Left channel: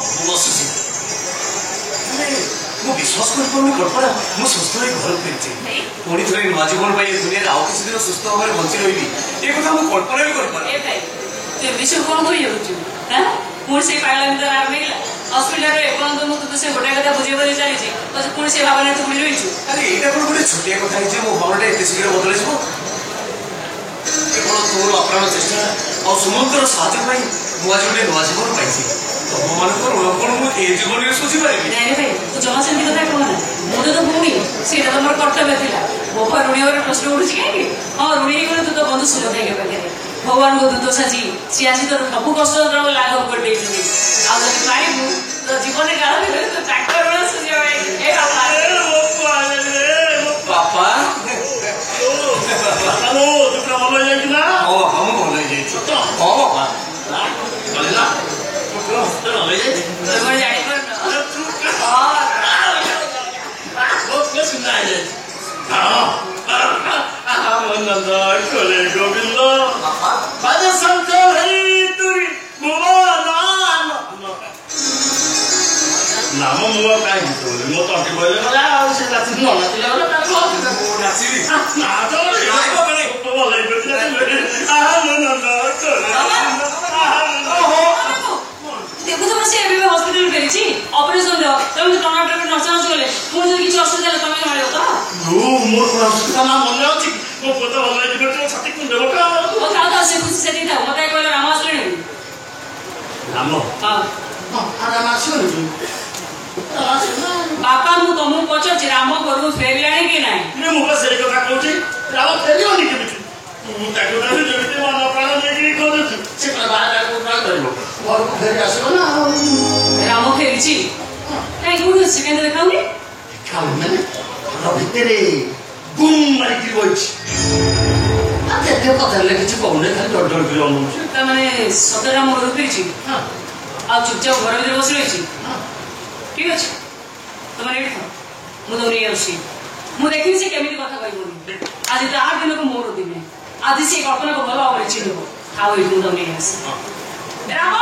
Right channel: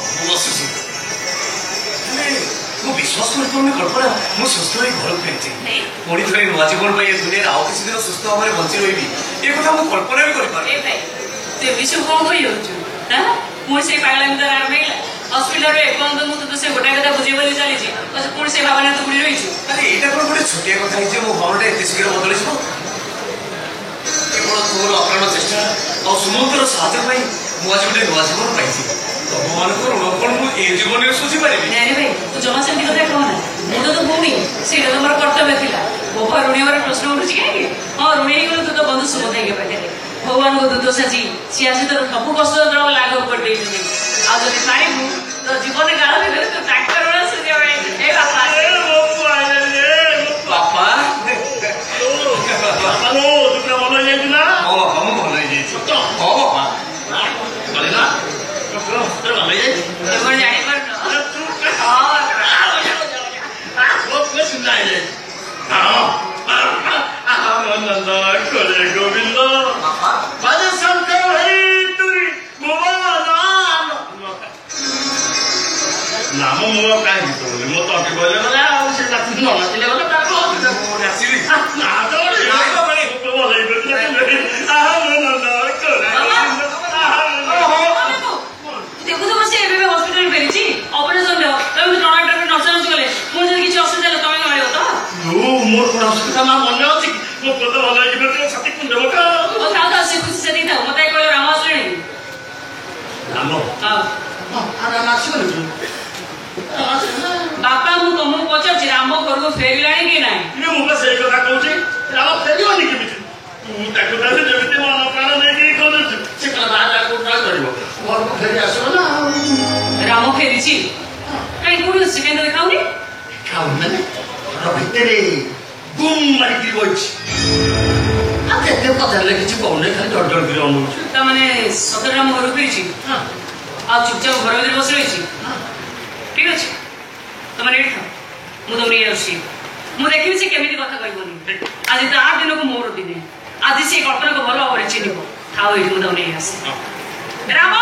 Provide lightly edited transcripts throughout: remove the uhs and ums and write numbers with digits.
ବସିଛି ମୁଁ ବିଶ୍ୱାସ କରିପାରୁନି କଳ୍ପନା ମୁଁ ସୁସ୍ଥ ହୋଇ ଘରକୁ ଫେରିଛି ପୁଣି ଥରେ ନୂଆ ଜୀବନ ପାଇଁ ଏ ଦୁନିଆରେ ଆଉ କିଛି ଦିନ ସୁସ୍ଥ ଭାବରେ ବଞ୍ଚି ରହିବି ଏ କଥା ମୁଁ କଳ୍ପନା ବି କରିପାରୁନି। ତୁ ବିଷୟ କଣ କରିଯାଉଛୁ ପୁଣି ସେ ପାଗଲା ଭିତରେ ଆରମ୍ଭ ହସ୍ପିଟାଲରେ ଏପର୍ଯ୍ୟନ୍ତ ମୁଁ ତୁ ସେ ଗୋଟାଏ କଥା ବୁଝେଇ ବଲି ଚାଲିଛି ପୁଣି ସେ ଭାବନା ତୁ ବୁଡ଼ି ରହିଛୁ। ଆରେ ଏଇଟା କଣ ଗୋଟେ ଛୋଟିଆ କଥା ହେଇଛି ମୋ ଭାବନାଟା ଏତେ ଶୀଘ୍ର ବଦଳିଯିବ କେବଳ ତୋର ଅକାରଣ ଚେଷ୍ଟା ଆଉ ସୁମଙ୍କର ସାହାଯ୍ୟ ପାଇଁ ମୁଁ ଆଜି ଗୋଟେ ନୂଆ ଜୀବନ ପାଇଛି ତମମାନଙ୍କ ଋଣ କଣ ମୁଁ ଏ ଜୀବନରେ ଶୁଝିପାରିବି। ନାଇଁ ଭାଇ ତୁ ଜମା ସେମିତି କଥା କହନା ମୁଁ ତ ଭଉଣୀ ସେଇଟା ତ ମୋର କର୍ତ୍ତବ୍ୟ ଥିଲା ବୋପା ଋଣୀ ହେବାର ପ୍ରଶ୍ନ ଉଠୁଛି କାହିଁକି ହଁ ଋଣୀ ହେଇଗଲେ ତୁ ତ ବନ୍ଧୁ ସୁଭଦ୍ରାଙ୍କ ପାଖରେ ଭଗବାନଙ୍କ ଦୂତ ସାଜି ସିଏ ଆଜି ତୋର ସବୁ କଷ୍ଟ ଲାଘବ କରିଦେଇଛନ୍ତି ଆଉ ଯଦି ପାଇବୁ ତୋ ଜୀବନରେ କାଳ ଭିତରେ ତୁ ତାଙ୍କର ଋଣ ସୁଝିବ ବାପା ଭଲ ହେଇଯାଇଛି ନା ହଁ ହଁ ମୁଁ ଭଲ ହେଇଯାଇଛି ହଁ ବାପା গোবিন্দ নাম মূল কাহিনী করি মো তকে বলে গলা আর সে রাতি মনে দিলে গলা তাকো নাচিবি না তো বলে গলা আহা মনন্দ করে দেখুছ বসে ଏବେ ହସ୍ପିଟାଲ ଫେରିଛି ଅପରେସନ ତମେ ଟଣାଟଣା ନଚାନଚି ଗଲେ ମୋର ଯଦି କିଛି ଅସୁବିଧା ହେଲା ତମେ ମାରିବ ତ ମୋର ଅସୁବିଧା ନା ମନେ ଅଛି ମୋ ପୁଅ ତ ଭଲ ହେଇଯିବ ଛାତି କୁଣ୍ଡବ ଥାଉ ସେ ଖୁସି ସେଠି ଥାଉ ମତେ କହିଲେ ରାମ ଆସିଲେଣି ରାମ ରାମ ଆସିବନି ବାପା ମୁଁ ତମକୁ ପଚାରୁଛି ରାମ ଘରକୁ ଫେରିଲାଣି କି ନାହିଁ ମୁଁ ତ ସେଇ କଥା କହୁଛି ରାମ ଫେରିବନି କେମିତି ମୁଁ ତାକୁ କହିଲି ଯେମିତି ମନ ପ୍ରାଣ ନେଇକି କରୁଛୁ ସେ ବାହାରକୁ କରିବ ଘରକୁ ଫେରି ଆସିବ ନା ରାମ ଫେରିଛି କାହିଁ କୋଉଠି ଅଛି କେନ୍ଦ୍ର ଦେଖାଉନି ଖାଉନି ଭିତରେ ଗୁମ୍ ମାରିକି ବଇଛି ଆଉ କେତେ ପଚାରିଲେ କିଛି କହୁନି ଖାଲି ଡର ଡର କରି ଅନଉଛି ତାମାନେ ସତରେ ରାମ ଘରକୁ ଫେରିଛି ଆଉ ଚୁପଚାପ ଘର ଭିତରେ ବସି ରହିଛି ଠିକ ଅଛି ତମେ ଏଇଠି ଥାଅ ମୁଁ ତମକୁ ନେଇ ଆସୁଛି ମୁଁ ଦେଖିବି ସେ କେମିତି କଥା କହିବନି ଆଜି ତା ଦିନକୁ ମୋର ଦିନେ ଆଜି ସେ କଳ୍ପନାକୁ ଭଲ ଭାବରେ ଚିହ୍ନିବ ଥାଉ ଏଇଠି ମୁଁ ତମକୁ ନେଇ ଆସେ ରାମ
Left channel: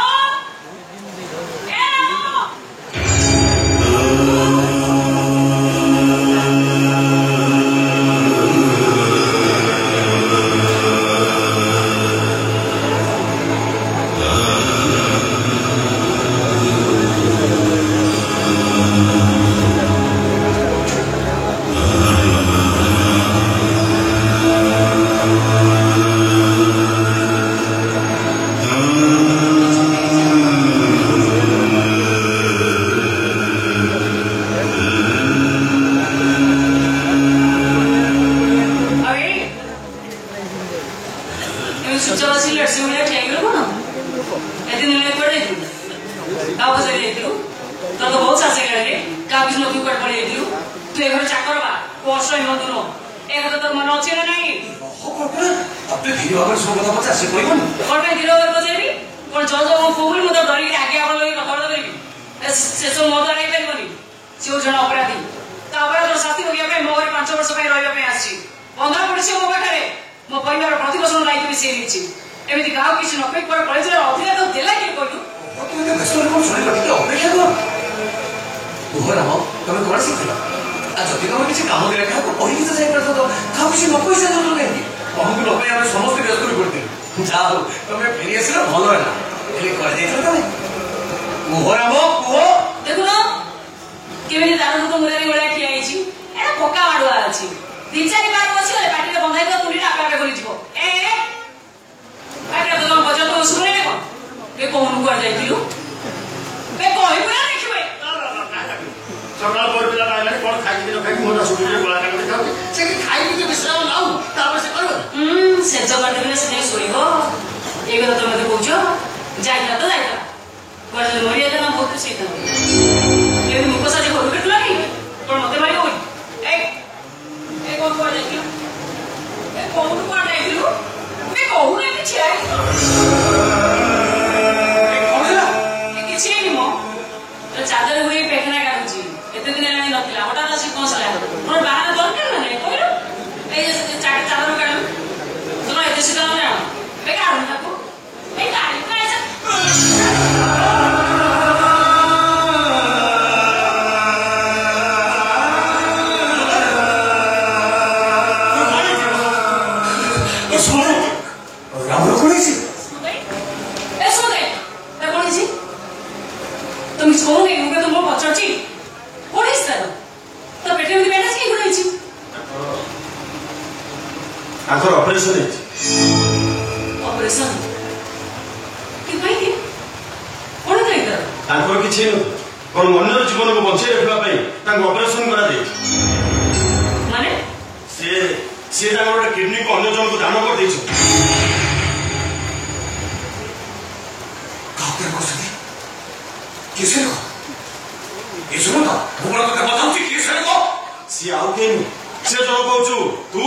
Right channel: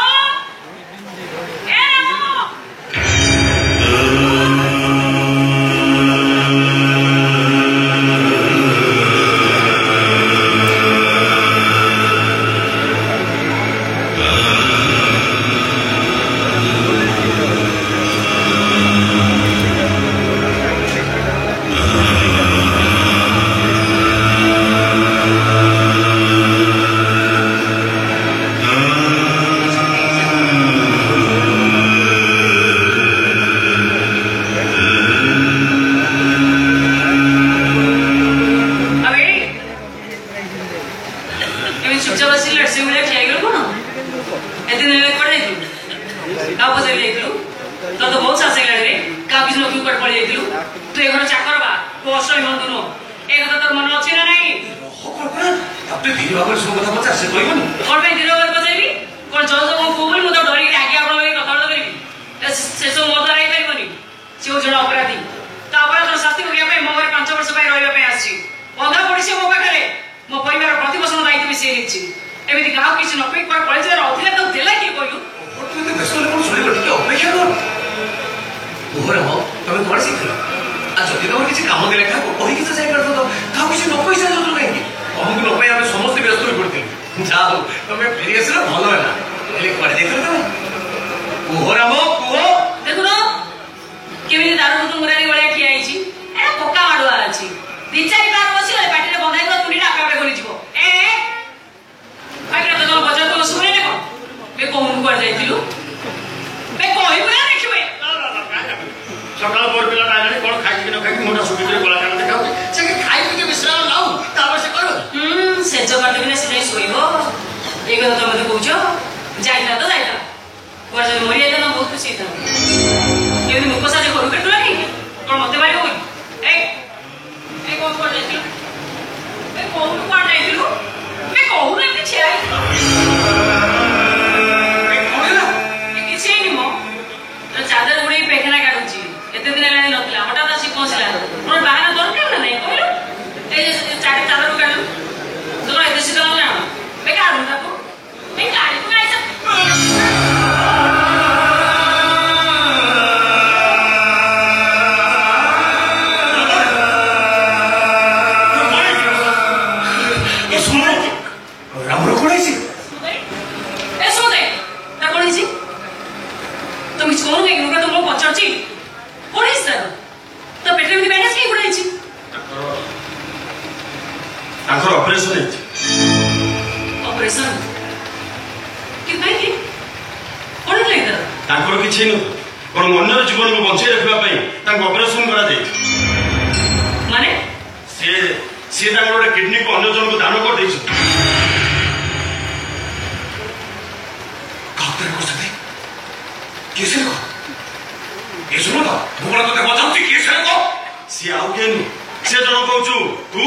ମିଛ କହୁନ କାହିଁକି ଲୋକ ତ ମୁଁ ପଚାରୁଛି କଣ ହେଇଛି ତାର ତା ପେଟରେ ଏମିତି ବ୍ୟାଣ୍ଡେଜ କାହିଁକି ଗୁଡ଼ା ହେଇଛି ତାଙ୍କର ଅପରେସନ ହେଇଛି ଅପରେସନ କାହିଁକି କଣ ନାହିଁ ତାର ତାଙ୍କର କିଛି ହେଇନଥିଲା ବରଂ ଅନ୍ୟର ଜୀବନକୁ ବଞ୍ଚେଇ ରଖିବା ପାଇଁ ତାଙ୍କୁ ଅପରେସନ କରାଯାଇଛି ମାନେ ସିଏ ତାଙ୍କର ଗୋଟେ କିଡନୀକୁ ଅନ୍ୟ ଜଣଙ୍କୁ ଦାନ କରିଦେଇଛନ୍ତି କାହାକୁ କରୁଛନ୍ତି କିଏ ସେ ଲୋକ ଏ ଶୁଣୁ ନା ମୁଁ କଣ ତତେ ବଜାଉଛି କିଏ ସେ ଲୋକ ସିଏ ଆଉ କିଏ ନୁହଁ ସିଏ ଜଣ କହୁଛୁ ତୁ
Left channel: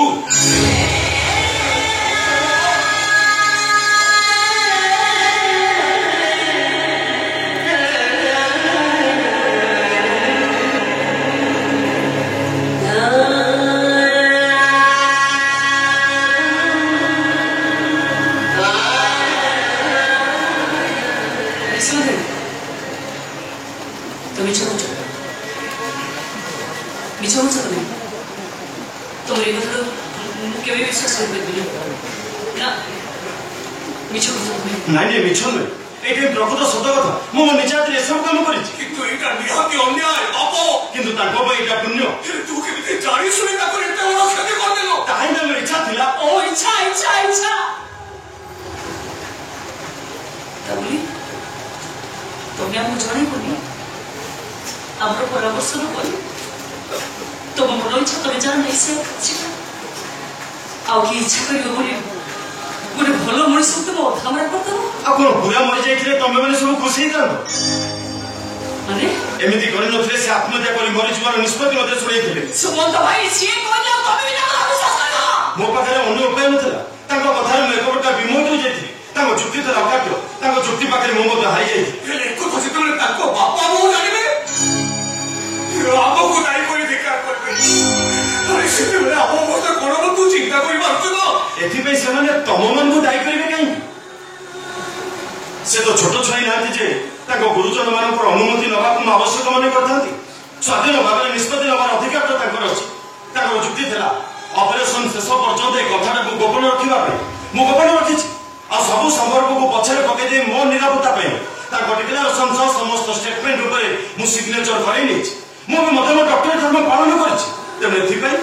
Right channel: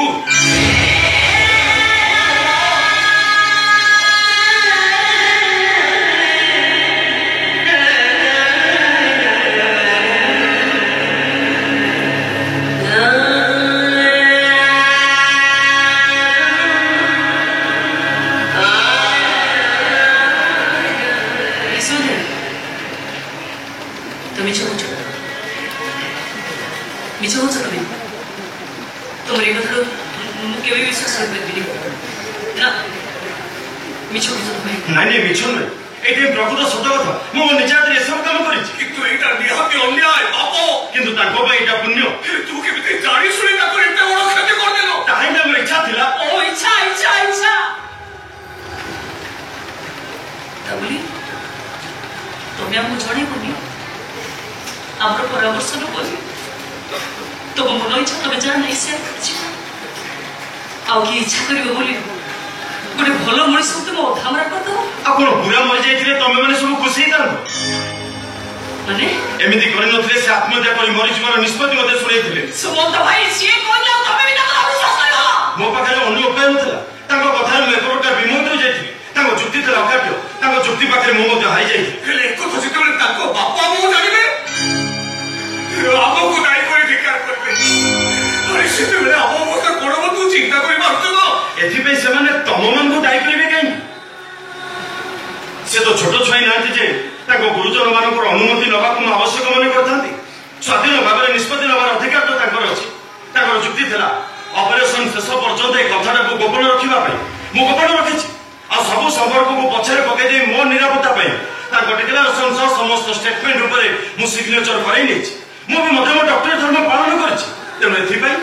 ନାଇଁ ମିଛ ନୁହେଁ ଏଇଠି ପ୍ରକୃତ ସତ କଥା ମୁଁ ମୋ ନିଜ ହାତରେ ଏସବୁ କାମ କରିଛି କିନ୍ତୁ ଏଇଟା ନିହାତି ଅନ୍ୟାୟ ପାପ କିନ୍ତୁ ତାଙ୍କ ପାଇଁ ଏଇଟା ପୁଣ୍ୟ ତୁ କେମିତି ଜାଣି ଶୁଣି ତାକୁ ଏତେ ବଡ କ୍ଷତି କରିଦେଲୁ କାହିଁକି ତାଙ୍କର ଇଚ୍ଛା ଥିଲା ଓ ଇଚ୍ଛା ଇଚ୍ଛା ଇଚ୍ଛା ତାବଲି ତମେ ଆମକୁ ଜଣେଇବନି ଆମର ପରାମର୍ଶ ନକରି ତମ ମନ ଇଚ୍ଛା ତମେ ଯାହା ନାହିଁ ସେ ଆଉ କିଏ ଇଚ୍ଛା କରିବ ବୋଲି ଗୋଟେ ଭଲ ମଣିଷକୁ ତମେ ଅଧାମରା କରିଦେବ ଆଉ କଣ ପୁରା ମରିଯାଇଥିଲେ ତମେ ମାନେ ସବୁ ଖୁସି ହେଇଥାନ୍ତ ମାନେ ଏମିତି କରିନଥିଲେ ସେ ଆତ୍ମହତ୍ୟା କରି ମରିଯିବାର ନିଷ୍ପତ୍ତି ମଧ୍ୟ ଶୁଣେଇଥିଲେ ସୁମନ୍ତ ଭାଇ ସିଏ କହିଲେ ତମେ ବି ତାକୁ ଅବିଶ୍ୱାସ କରିବ ମୋ ପାଖରେ ଅନ୍ୟ ଉପାୟ ନଥିଲା ତାଙ୍କ କଥାରେ ମୁଁ ଏପଟଟା ବିମୋହିତ ଯାଇଥିଲି ତାଙ୍କ ଯୁକ୍ତି ଥିଲା ଅକାଟ୍ୟ ତାଙ୍କ ଯୁକ୍ତି ପାଖରେ ମୁଁ ମଧ୍ୟ ହାରିଯାଇଥିଲି ହେଲେ ଏକଥା ଯେତେବେଳେ ତାଙ୍କ ବାପା ବୋଉ ଜାଣିବେ ଆମକୁ ଦାୟୀ କରି ଧିକାର କରିବେ ସେତେବେଳେ ଆମ ଅବସ୍ଥା କଣ ହବ ତୁ ଚିନ୍ତା କରିପାରୁଛୁ ତ ଏଥିପାଇଁ ସେମାନେ ତମମାନଙ୍କୁ ଦାୟୀ କରିବେ କାହିଁକି ସେ ତ ଛୋଟ ଛୁଆ ନାହାନ୍ତି ଯେ ତାଙ୍କ ଗୁରୁଜନ ମାନଙ୍କର ଅନୁମତି ନେବାକୁ ମୁଁ ଆବଶ୍ୟକ ମନେ କରିଥାନ୍ତି ସ୍ୱାଧୀନ ଭାବରେ ନିଷ୍ପତ୍ତି ନେବାର ଅଧିକାର ତ ତାଙ୍କର ଅଛି ତାଙ୍କର ଯୁକ୍ତି ଥିଲା ଅପରେସନ ଶେଷ ପର୍ଯ୍ୟନ୍ତ ଏ କଥାଟାକୁ ଗୋପନ ରଖିବା ପାଇଁ ମୁଁ ଗୋପନ ରଖିଛି ଆଉ ସବୁ ସମ୍ପର୍କକୁ ପଛରେ ପକାଇ ଦେଇ ମୋ ନିରାପତ୍ତା ପାଇଁ ତାଙ୍କ ଡିକ୍ଲାରେସନ ସହ ସମସ୍ତ ଷ୍ଟେଟମେଣ୍ଟ ଉପରେ ମୁଁ ସିଗ୍ନେଚର କରାଇ ନେଇଛି ମୁଁ ବି ମଧ୍ୟ ମୋ ଡକ୍ଟର ଧର୍ମ ପାଳନ କରିଛି ତେଣୁ ଏଥିପାଇଁ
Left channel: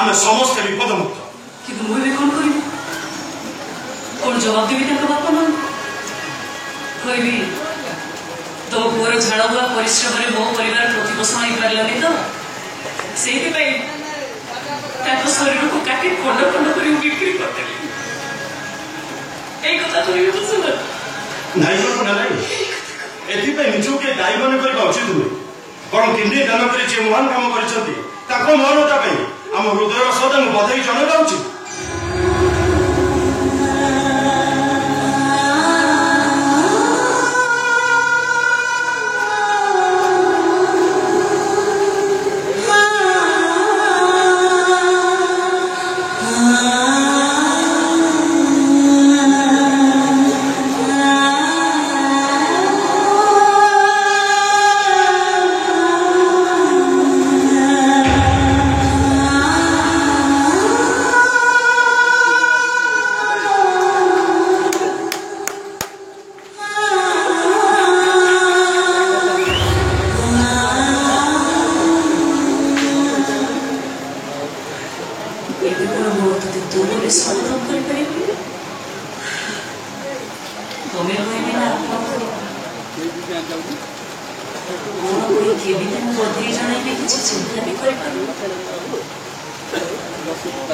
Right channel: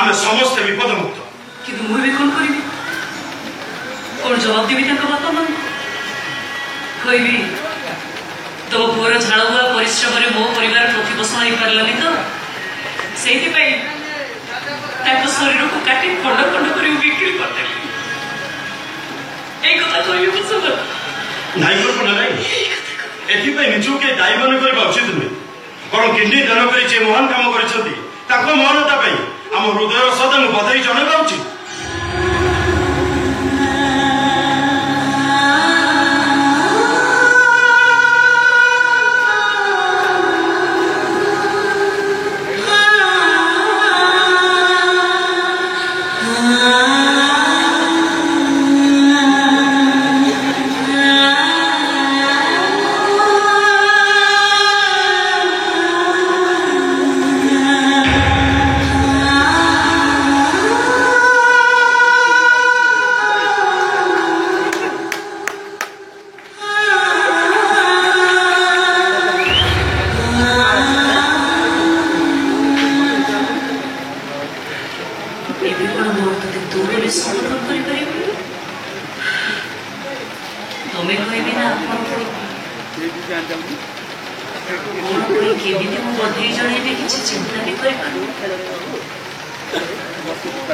ଆମେ ସମସ୍ତେ ବିପଦମୁକ୍ତ କିନ୍ତୁ ମୁଁ ଏବେ କଣ କରିବି କଣ ଜବାବ ଦେବି ତାଙ୍କ ବାପା ମାନଙ୍କୁ କହିବି ତମ ପୁଅର ଝାଳ ବୁହା ପରିଶ୍ରମରେ ମୋ ପରିବାର ପ୍ରତିପୋଷଣ ହେଇପାରିଲାନି ତ ସେଇଥିପାଇଁ ତାଙ୍କ ଶରୀରକୁ କାଟି ଖଣ୍ଡ ଖଣ୍ଡ କରି ବିକ୍ରି କରିଦେଲି ଏଇ କଥା କହିବି ନାଇଁ ନାଇଁ ଏଥିପାଇଁ ନିଜକୁ କିଏ ଦାୟୀ ମନେ କରିବା ଉଚିତ ନୁହେଁ ବରଂ କିଡନୀ ଦାନ କରି ଯେ ମହାନ କାମ କରିଛନ୍ତି ତାଙ୍କ ମହାନତା ପାଇଁ ଆମ ହୃଦୟର ସଦାଙ୍କୁ ବଧାଇ ଜଣାଇବା ଉଚିତ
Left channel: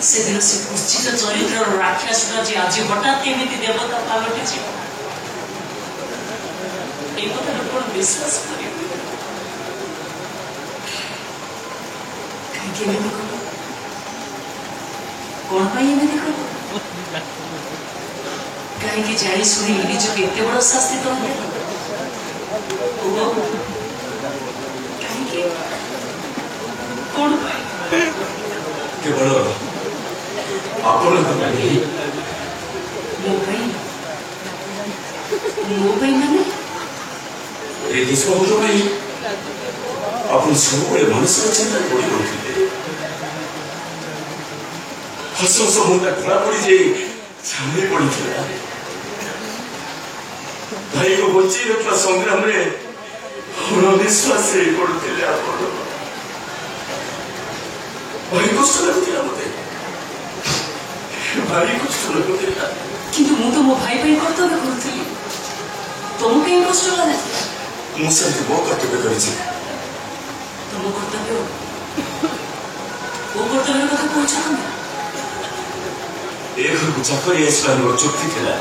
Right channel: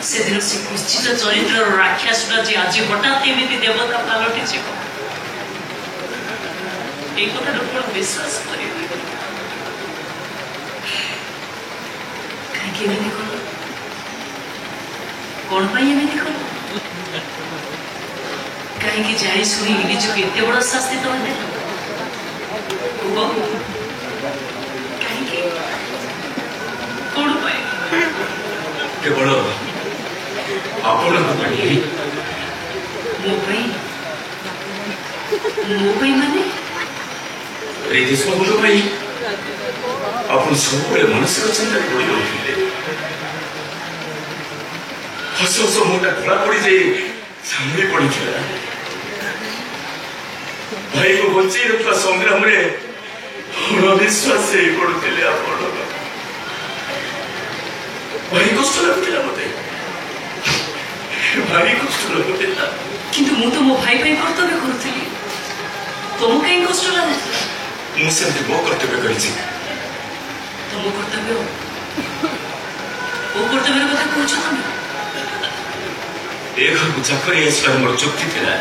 ସେଦିନ ସେ କୁଶ୍ଚିତ ଚରିତ୍ରର ରାକ୍ଷସଟା ଯେ ଆଜି ହଠାତ୍ ଏମିତି ଦେବତା ପାଲଟିଯିବ এই কথাটা କଣ ବିଶ୍ୱାସ କରିବେ କାହିଁକି ଏମିତି କଲ କଣ ପାଇଁ ଏମିତି କଲ କାହିଁକି ଜାଣି ଶୁଣି ନିଜକୁ ଏତେ ବଡ ଶାସ୍ତି ଦେଲେ କାହିଁକି କଣ ପାଇଁ କେବଳ ଆପଣଙ୍କ ପାଇଁ ମୋ ପାଇଁ ମାନେ এই ଦେଶବନ୍ଧୁ ପାଇଁ ଆପଣ ସବୁବେଳେ ମାନସିକ ଚିନ୍ତାରେ ପଡ଼ି ରହୁଥିଲେ ହସ ହସ ମୁହଁଟା ଧଳା ପଡ଼ିଯାଇ ସାମନେ ପଡ଼ିଥିଲା ଭାଇକୁ ବଞ୍ଚେଇ ରଖିବା ସଂଗ୍ରାମରେ ଅଣନିଶ୍ୱାସ ହେଇ ପଡୁଥିଲେ ଆପଣ। ଭାରି କଷ୍ଟ ଲାଗୁଥିଲା ମତେ, ଭାରି କଷ୍ଟ ଲାଗୁଥିଲା। କିନ୍ତୁ ମୁଁ ତ ମୋ ଭାଇ ପାଇଁ କର୍ତ୍ତବ୍ୟ କରୁଥିଲି, ତମକୁ କାହିଁ କଷ୍ଟ ଲାଗୁଥିଲା? ମୁଁ ସେମିତି ମୋ କର୍ତ୍ତବ୍ୟ କରିଛି। ତମ କର୍ତ୍ତବ୍ୟ କୋଉ କର୍ତ୍ତବ୍ୟର କଥା କହୁଛ ତମେ? ଏ ଘରକୁ ଚାକରି ଆସିବାର ମୋର ଚୁକ୍ତି ଥିଲା।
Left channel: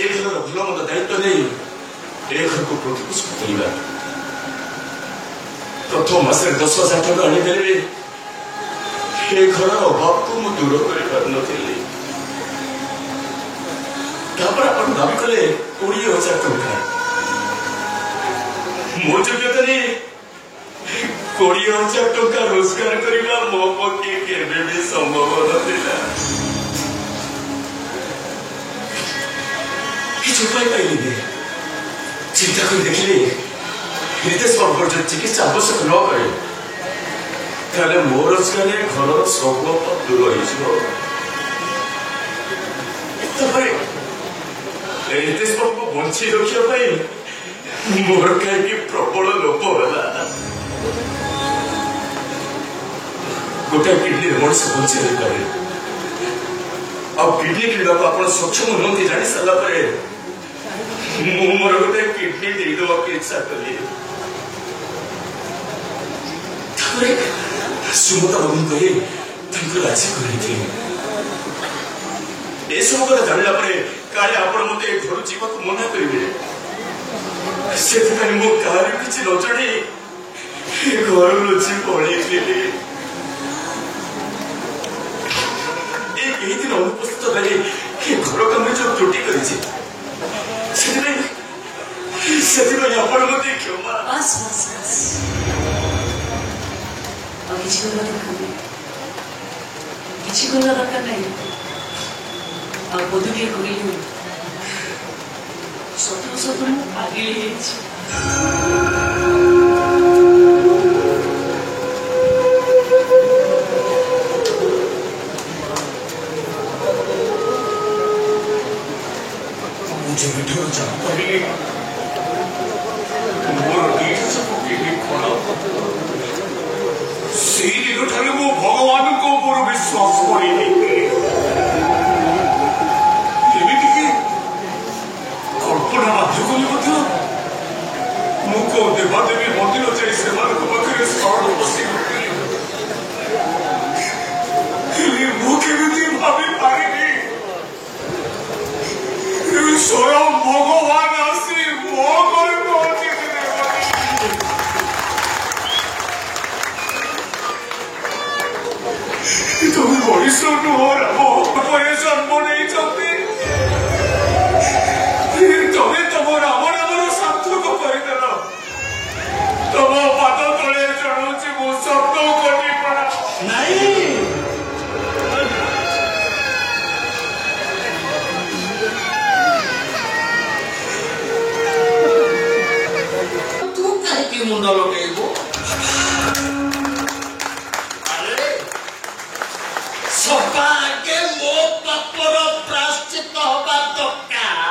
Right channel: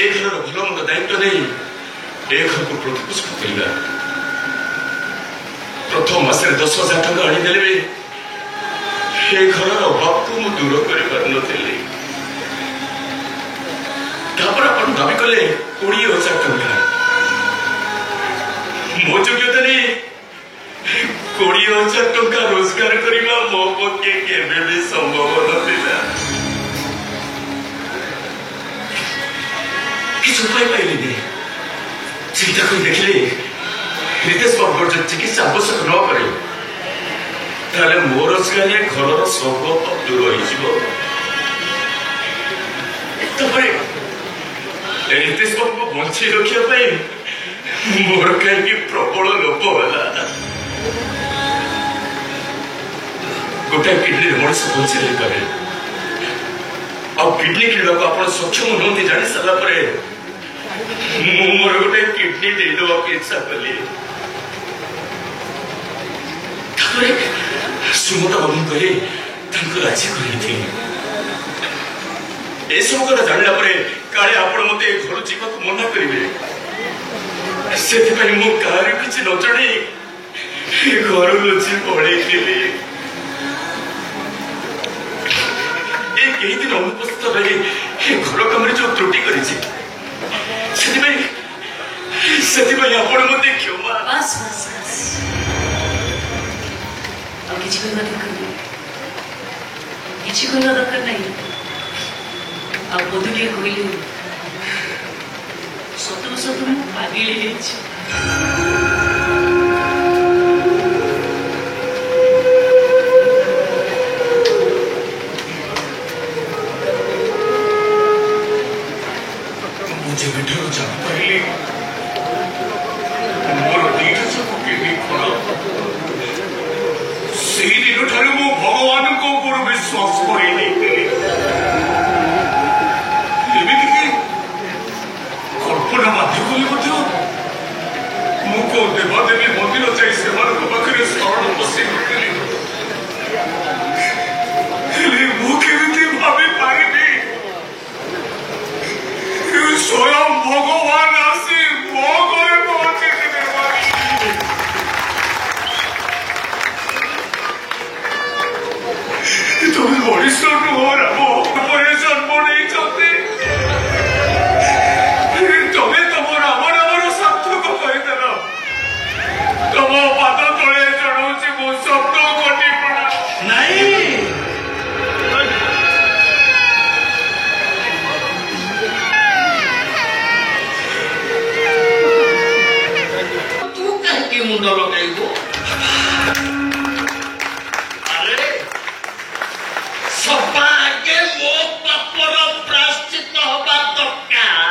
ଏ ଘରର ଭଲ ମନ୍ଦ ଦାୟିତ୍ୱ ନେଇ ଏ ଘରକୁ ପ୍ରତିପୋଷଣ କରିବା। ପ୍ରଥମ ମାସରେ 10,000 ଟଙ୍କା ଆଣିଦେଲେ ବି ଏ ଘରର ଅଭାବକୁ ମୁଁ ଦୂର କରିପାରୁନଥିଲି। ତାପରେ ଆପଣ ଦାବି କଲେ 20,000 ଟଙ୍କା। ମୋ ଯୋଗ୍ୟତା ନେଇ 20,000 ଟଙ୍କା ରୋଜଗାର କରିବା ମୋ ପକ୍ଷେ କେବେ ବି ସମ୍ଭବ ନଥିଲା। କିଛି ଉପାୟ ପାଇଲିନି। ଚିନ୍ତା କରି ଦେଖିଲି ରିତେଶ ବାବୁଙ୍କର ଯଦି ଚିକିତ୍ସା ଆବଶ୍ୟକ ନ କରେ ତାହେଲେ ମୋ ରୋଜଗାରରେ ଘରର ସବୁ ଦୂର ହେଇଯିବ। ତାପରେ ରିତେଶ ବାବୁଙ୍କୁ ବଞ୍ଚେଇ ରଖିବା ପାଇଁ ମୋର କାହିଁକି ପ୍ରବଳ ଲୋଭ ହେଲା। ଗୋଟାଏ କିଡନୀରେ ମଣିଷ ବଞ୍ଚି ରହିପାରେ, ଆଉ କିଡନୀ କିଣିବାକୁ ଆପଣ ସକ୍ଷମ ନୁହନ୍ତି ଜାଣି ସାରିଲା ପରେ ମୁଁ ମୋର ଗୋଟେ କିଡନୀ ଦେଇଦେବାକୁ ଇଚ୍ଛା କଲି। ତାପରେ ସୁମତା ବାବୁଙ୍କୁ କହି ତାଙ୍କୁ ରାଜି କରିଥିଲି। ଏସବୁ କଥା ଜାଣିଲା ପରେ କାଳେ ଆପଣ ମତେ ଘରୁ ଯିବାକୁ ମନା କରିବେ, ସେଥିପାଇଁ ମୁଁ କାହାକୁ କିଛି ନ ଜଣେଇ ଘରୁ ଲୁଚି ପଳେଇଥିଲି। ଏହି ଦିନ ଅନୁପସ୍ଥିତ ରହି ଏ ଘର କାମରେ ଯୋଉ ତ୍ରୁଟି କରିଛି ସେଥିପାଇଁ ଆପଣ ମତେ କ୍ଷମା। ବାସ୍ ବାସ୍ ବାସ୍, ଆଉ କିଛି କରିବା ଦରକାର ନାହିଁ, କିଛି କରିବା ଦରକାର ନାହିଁ। ଆଉ ବଧୁଟିଏ କହିଲୁ ସତକୁ ସତ ମୁଁ ଆଗେଇ ଯାଇଛି। ଯେବେଠାରୁ ଜାଣିପାରିଲି ମୋର ଦିଟା ଯାକ କିଡନୀ ଖରାପ, ସେଇ ଦିନଠାରୁ ମୁଁ ଭଗବାନଙ୍କ ଉପରୁ ବିଶ୍ୱାସ କରିଲି। ଏମିତିକି କଳ୍ପନା ବାଧ୍ୟ କଲି ମଧ୍ୟ ମୁଁ କୋଉ ଦେବାଦେବୀ ମନ୍ଦିର ଯାଇ ସେମାନଙ୍କ ପାଖରେ ଶରଣ ବସି ପଡ଼ିଲି। ହେଲେ ମୁଁ କେମିତି ଭାବିପାରିବି ସ୍ୱୟଂ ଭଗବାନ ଆସି ମୋ ଘରେ ପହଞ୍ଚିଥିଲେ। তুমি ମଣିଷ ନୁହଁ ରାମ, ପରେ ଜନ୍ମ ନେଇଛନ୍ତି। ତମେ ତମ ରାମ ନାମର ସାର୍ଥକ କରିଦେଲ। ତମ ପାଦ ତଳେ ଜଣାଉଛି ମୋ ଶବ୍ଦ କୋଟି ପ୍ରଣାମ। ନାଇଁ, ତୁ କାହିଁକି ମୁଣ୍ଡ ଲଗେଇବୁ? ଆରେ ସବା ଆଗେ ମୋ ପାପର ପ୍ରାୟଶ୍ଚିତ ହବା ଦରକାର।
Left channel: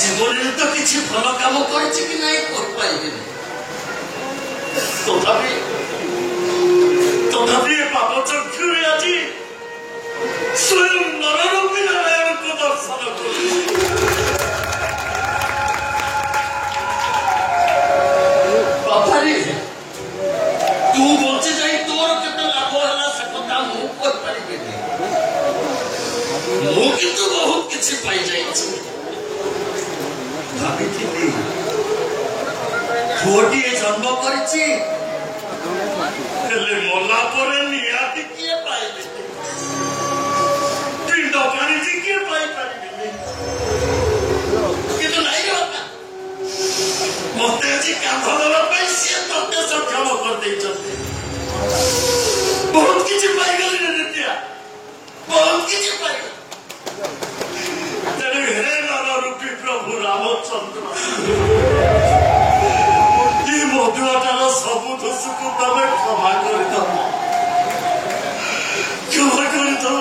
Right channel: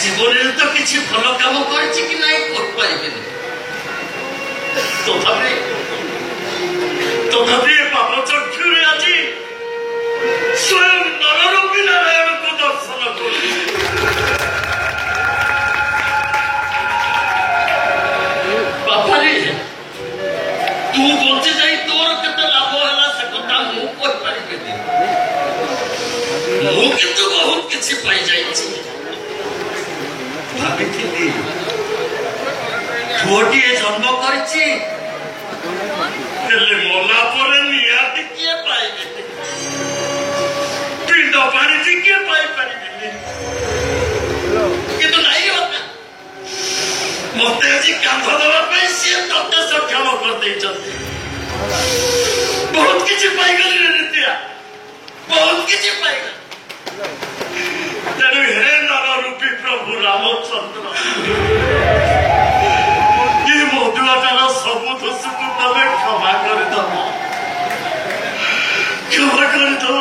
ଜୀବନରେ ତ କିଛି ଭଲ କାମ କରିଛି କି ନାଇଁ କରିପାରିବିନି, ତଥାପି ପାପ ଚକ୍ଷୁରେ ଆଜି ସ୍ୱୟଂ ନରରୂପୀ ନାରାୟଣଙ୍କୁ ଦର୍ଶନ କଲି। ବାପାରେ, ତୁ ବଞ୍ଚି ଯାଇ ତୋର କେତେ ଲାଭ ହେଲା ସେ କଥା ମୁଁ କହିପାରିବିନି। ମୁଁ କିନ୍ତୁ ବହୁତ କିଛି ପାଇଯାଇଛି। ଭାବିଥିଲି ପୁଅଟିଏ ଜନ୍ମ କରିଛି, ହେଲେ ମଲା ପରେ ନିହାତି କିଏ ପାଇବେନି, ପିଣ୍ଡ ପାଣିଛି କିଏ ପାଇପାରିବେନି। କିନ୍ତୁ ନାଇଁ ବାପା, ମତେ ଆଜି କାମ ଦେବା ପାଇଁ ସିଏ ତତେ ସକ୍ଷମ କରିଦେଇଛନ୍ତି। ବହୁତ କିଛି ପାଇଗଲି ରେ ନିତ୍ୟା, ବହୁତ କିଛି ପାଇଗଲି। ତେଣୁ ହେ ନରରୂପୀ ପ୍ରଭୁ ରାମଚନ୍ଦ୍ର, ଏ ମଧୁଆଟାର ସବୁ ଦୋଷକୁ ତମେ କ୍ଷମା କରିଦବ, କ୍ଷମା କରିଦବ।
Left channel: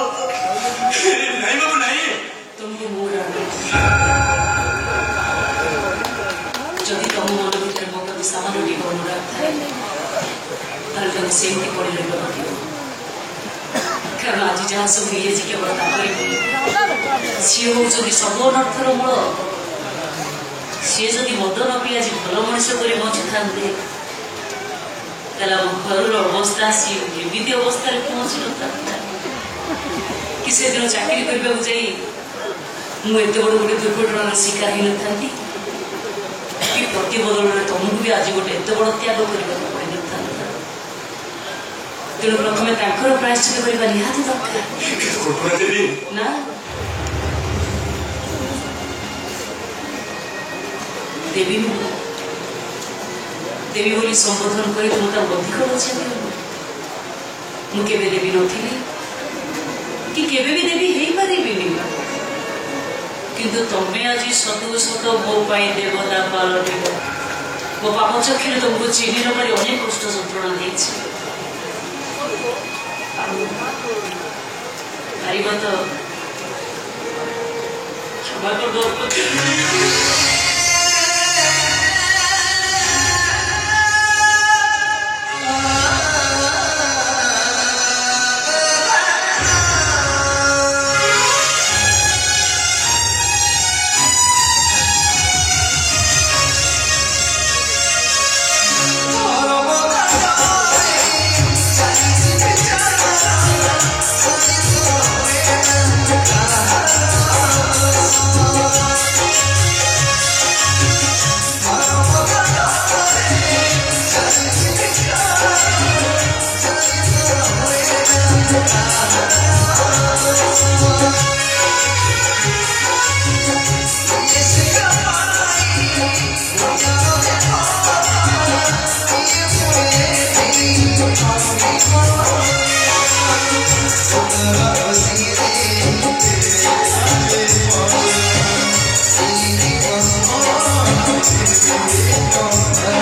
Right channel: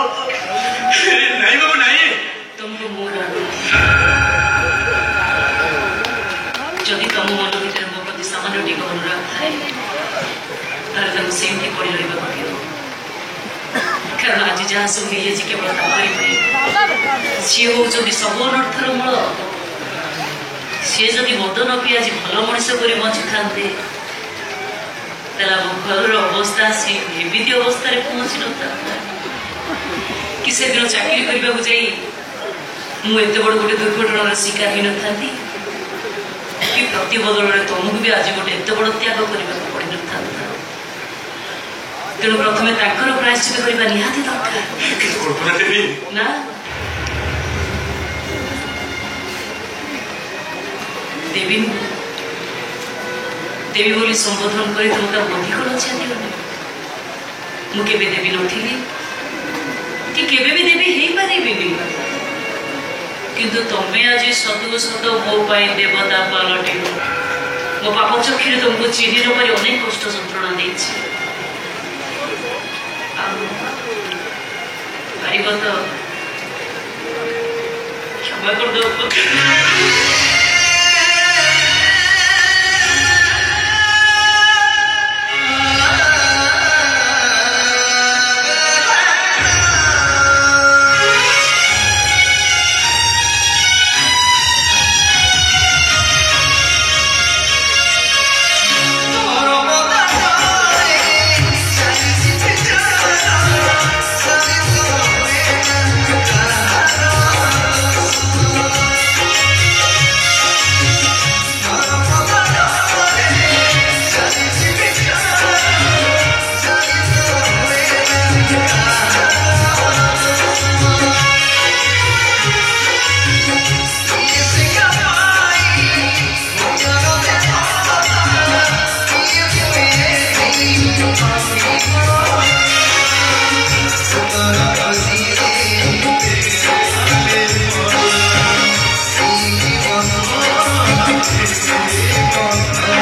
ନାଇଁ ବାବୁ ନାଇଁ, ତମକୁ ମୋର ଟିକେ ଅନୁରାଗ ଥାଏ ତାହେଲେ ତାକୁ ସେମିତି କରି ରହିବା ପଡ଼ିବ। କାରଣ ଆଜି ଯାହା ସବୁ ହେଇଯାଇଛି କେବଳ ତାଙ୍କରି ପାଇଁ। ସିଏ ହଉଛନ୍ତି ସବୁ ଅନର୍ଥର ମୂଳ। ସିଏ ଯଦି ମଦ ନ ପିଇ ଆଜି ଭଲ ମଣିଷ କରି ବଞ୍ଚିଥାନ୍ତେ ତାହେଲେ ଆମ ଘରର ଅବସ୍ଥା ଆସି ଏମିତି ଅବସ୍ଥାରେ ପହଞ୍ଚି ନଥାନ୍ତା କି ସେଦିନ ଚାକିରି କରିବାକୁ ଯାଇ ମୁଁ ଏତେ ବଡ଼ ଗୋଟେ ଦୁର୍ଘଟଣାର ଶିକାର ହେଇନଥାନ୍ତି କି ପ୍ରତି ବଦଳରେ ତମକୁ ବି ଆଜି ଗୋଟେ ଏତେ ବଡ଼ ତ୍ୟାଗ କରିବାକୁ ପଡ଼ିନଥାନ୍ତା। ତେଣୁ ପ୍ରଥମେ ତାଙ୍କର ପ୍ରାୟଶ୍ଚିତ କରିବା ନିହାତି ଦରକାର ନା। ଦେବୀ ନୁହଁ, ଦେବୀ ବୋଲି ସମ୍ବୋଧନ କରି ତୁମେ ତା ଅଧିକ ଲଜ୍ଜା ଦିଅନି। ମୁଁ କେବେ ଦେବୀ ନଥିଲି କି କେବେ ବି ଦେବୀ ହେଇପାରିବିନି, କିନ୍ତୁ ତମେ ଆଜି ସତକୁ ସତ ମୋ ପାଇଁ ଦେବତା ପାଲଟିବ। ମୋ ପାପ ଚକ୍ଷୁରେ ତୁମକୁ ଚିହ୍ନି ନ ପାରି ଅନେକ କଷ୍ଟ ଯନ୍ତ୍ରଣା ଦେଇଛି। ପାରିବ ତ କ୍ଷମା କରିଦେବ। Oh,